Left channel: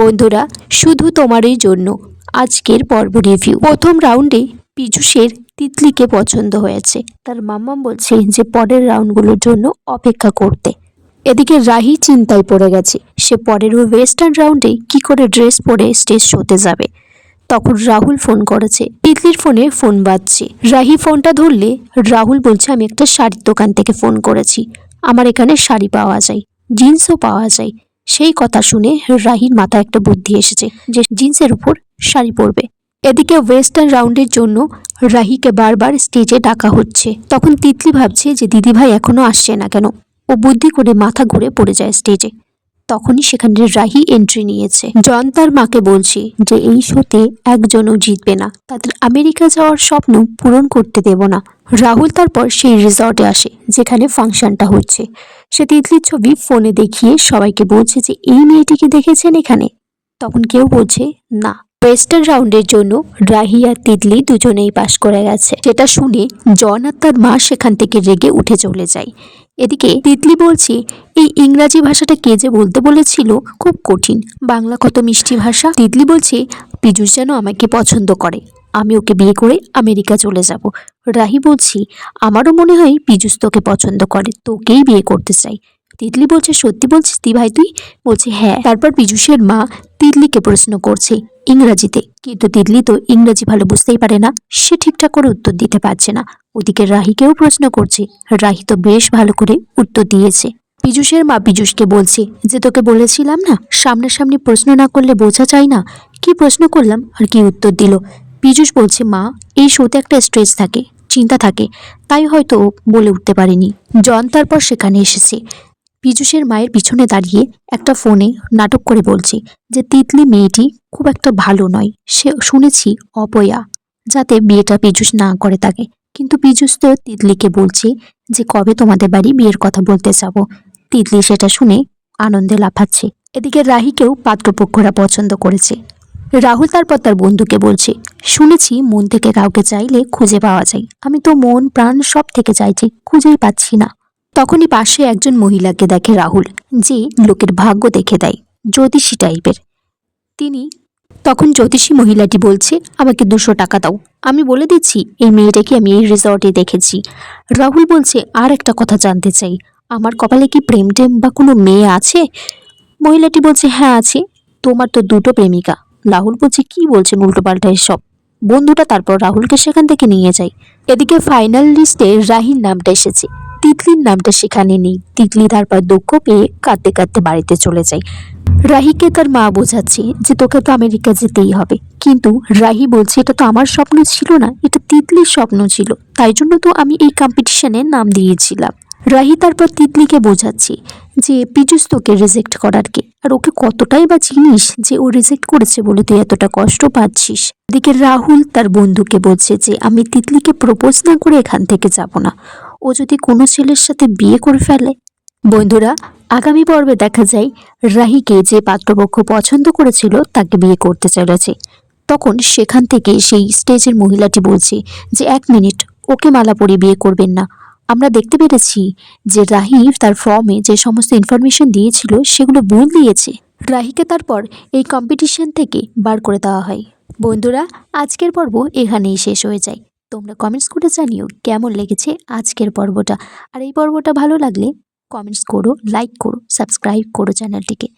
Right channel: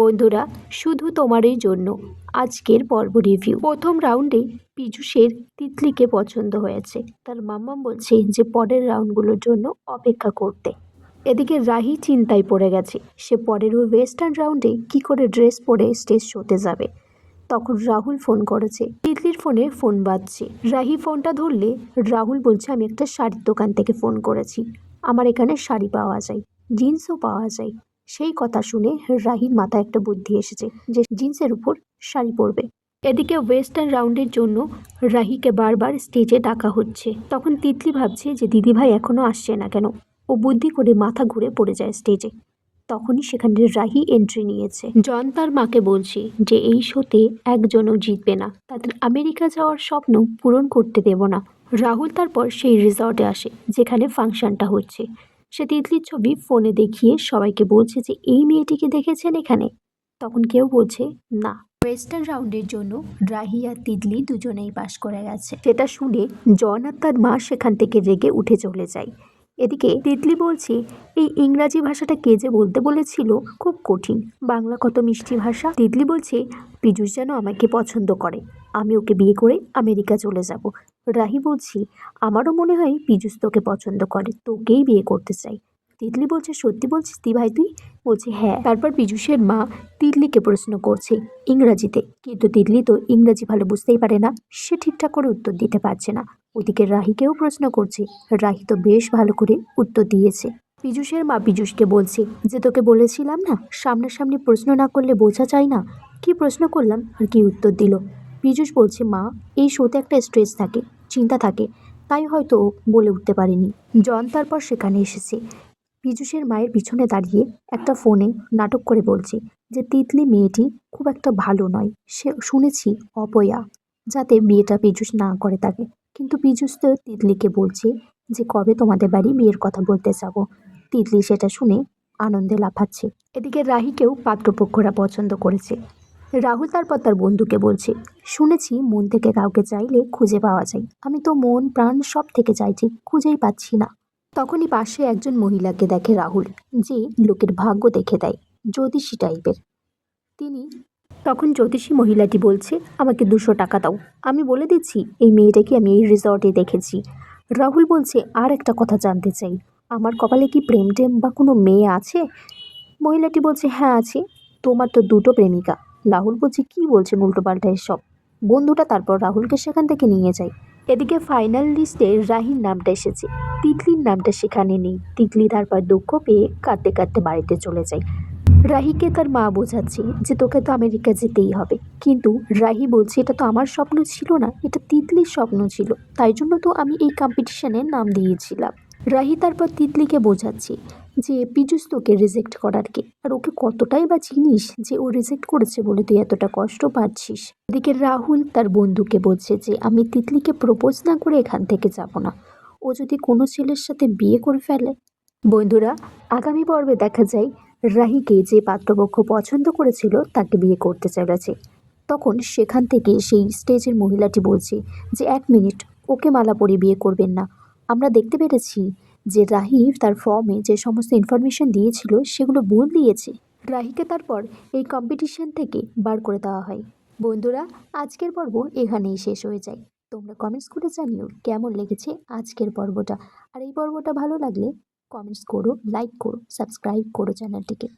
বন্ধুরা, শুধু তোমারই জন্য আজকের পর্ব রিভিউ। প্রথম রাউন্ডে পীযূষের তিতলিকে পছন্দ হয়েছে। তার মাম্মাম বলছে যে পরের রাউন্ডগুলোর জন্য অপেক্ষা করতে। এদিকে রাহি চিন্তায় পড়ে গেছে, সে পরের ওয়েস্টার্ন রাউন্ডে কি করে ড্রেস পরে স্টেজ শোতে যাবে। তখন রাহুল ফোন করেছে, তিতলির ফোনে ফোন বাজছে। রাহি ফোনটা ধরলে রাহুল বলছে, আমি একটা শাড়ির দোকান থেকে ফোন করেছি, আমার এখানে শাড়ি পাওয়া যায়, জিন্সও পাওয়া যায়। সেই কথা শুনে রাহির মাথায় একটা বুদ্ধি এসেছে যে জিন্সের উপর শাড়ি পরবে। এদিকে ওয়েস্টার্ন রাউন্ডের জন্য রাহিকে বারবার স্টেজে ডাকা হচ্ছে। তখন তিতলি ভাবছে যে দিদিভাই এখনো আসছে না কেন। ও বুদ্ধি করে মাথা ঘুরে পড়ে যায় স্টেজে। তখনই সেখানে রাহি এন্ট্রি নিয়েছে। জন তার মাকে বলছে যে এই শোতে একজনও জিতবে না, তাদের আমেরিকা যাওয়ার স্বপ্ন পূরণ করতে দেব না। রাহুল তারপর সেই রিসর্টে আসে যেখানে ফাংশনটা হচ্ছে। সে তিতলির ছবি ফোনে দেখিয়ে সবাইকে বলছে যে এই মেয়েটিকে দেখেছেন এখানে। তখন কেউ বলছে না। ওয়েস্টার্ন রাউন্ডের জন্য রাহি আর তিতলি দুজনেই পাশ করে গেছে। সেটা শুনে জন আর তার মা সেখান থেকে রেগে উঠে চলে যায়। এদিকে তিতলি বলছে, এই ইংরাজি ভাষাটা কে যে বলতে বলেছিল, খুব কঠিন, বাংলা কত মিষ্টি ভাষা। তিতলি বলছে পীযূষ যেন আমাকে পছন্দ করে, আমি ওকে বিয়ে করে আমেরিকা চলে যাব। রাহি বলছি, আমারও মনে হয় পীযূষ তোকে পছন্দ করে, তোকেই বিয়ে করতে চাই। তিতলি বলছে, সত্যি বলছিস দি ভাই তুই? বলছে হ্যাঁ। তারপর পীযূষের মা তিতলিকে প্রশ্ন করছে ইংরাজিতে, কিন্তু তিতলি তো ইংরাজি ভালো বুঝতেই পারে না, সে ঠিকঠাক করে উত্তর দিতে পারছে না। ওদিকে রাহিকেও প্রশ্ন করছে, রাহি তো বেশ ভালো করে উত্তর দিয়েছে। পীযূষের মা পীযূষকে বলছে যে তোকে বলেছিলাম না, সামনাসামনি প্রশ্ন না করলে বোঝা যায় না, কি প্রশ্ন করলাম আর কি উত্তর দিল। পীযূষ বলছে, মা এই শোতে একটা স্ট্রেস থাকে, চিন্তা থাকে, তাই হয়তো বলে উঠতে পারিনি। জন তারপর সেখানে এসেছে। পীযূষের মায়ের পিছনে দাঁড়িয়ে একটা ফোনে নাটক করে বলছে যে তিতলি মেয়েটি খুব একটা ভালো নয়, সে শুনেছি অপয়া, যাতে বিয়েটা পীযূষ না করে তাকে। কিন্তু পীযূষ তো তিতলিকে বলছে যে কবে তোমাদের বাড়ি বিয়ের কথা বলতে যাব। তিতলি সেটা শুনে আনন্দে লাফাচ্ছে। এদিকে রাহিকেও পাত্রপক্ষরা পছন্দ করেছে। রাহুল তারপর তার বন্ধুকে বলছে, শুনেছি মন থেকে কাউকে চাইলে খুঁজে পাওয়া যায়, আমি তো মন প্রাণ সব থেকে চাইছি, খুঁজেই পাচ্ছি না। তখনই পাশে একজন মহিলাকে দেখে রাহুল, যে লোকের ভাগ্য দেখে দেয়, জ্যোতিষী টাইপের। তিনি তখন জ্যোতিষী মহিলাটি বলছে, আমাকে 200 টাকা দাও, আমি বলে দিচ্ছি এই মেয়েটাকে আমি এই রিসর্টে দেখেছি। রাহুল বলছে, আর একটা কথা জানতে চাই, আমার কপালে কি প্রেম টেম বা কোনো মেয়ে আছে? মহিলাটি বলছে, হ্যাঁ আছে, তোমার তো 2টো প্রেমিকা। রাহুল বলছে, কি বলছেন উল্টোপাল্টা এসব। বন্ধুটা তারপর রাহুলকে সেখান থেকে নিয়ে যায়। এদিকে ফাইনাল লিস্টে রাহির নামটা এসেছে, তিতলির নামটা সেখানে নেই। তিতলি তারপর দুঃখ পেয়ে কাঁদতে কাঁদতে বাড়িতে চলে যায়। রাহিকে তার মা বোঝাচ্ছে যে তোকে তো আমেরিকা যেতেই হবে, কিন্তু রাহি বলছে এটা তো আমার স্বপ্ন ছিল না, এটা তিতলির স্বপ্ন ছিল, তাই জন্য তো আমি এই কম্পিটিশনে নাম দিয়েছিলাম। রাহি তারপর তিতলিকে বোঝাচ্ছে যে পীযূষ তোকে রিজেক্ট করার কে, আর ওকে কতটাই বা চিনিস যে ও রিজেক্ট করেছে বলে তুই এতটা কষ্ট পাচ্ছিস। এদিকে রাহুল তার বন্ধুকে বলছে যে আমি তিতলিকে প্রপোজ না করে এখান থেকে যাব না, ও যদি কোনো ছেলের সাথে বিয়ে করে ফেলে। বন্ধুরা, আগামী পর্বে দেখা যায় রাহিকে যে পাত্রপক্ষ পছন্দ করেছিল তাকে বিয়ে করতে চলেছে। তখন সেখান থেকে সেই স্টেজের মহিলাটি বলছে যে 1 মিনিট, ওকে মালা পরিয়ে বিয়ে করবেন না। আমরা দেখতে পেরেছি যে রাহি তার ফর্মে যে সমস্ত ইনফরমেশন দিয়েছিল সেগুলো ভুল দিয়েছে। রাহিকে তারপর এই কম্পিটিশন থেকে বার করে দেওয়া হয়। বন্ধুরা, আজকের পর্ব এখানেই শেষ হয়ে যায়। তোমরা কমেন্টস করে জানিও কেমন লেগেছে আজকের পর্বটা। আর এই পর্বটা ভালো লাগলে কমেন্টস করো, লাইক করো, সাবস্ক্রাইব করো চ্যানেলটিকে।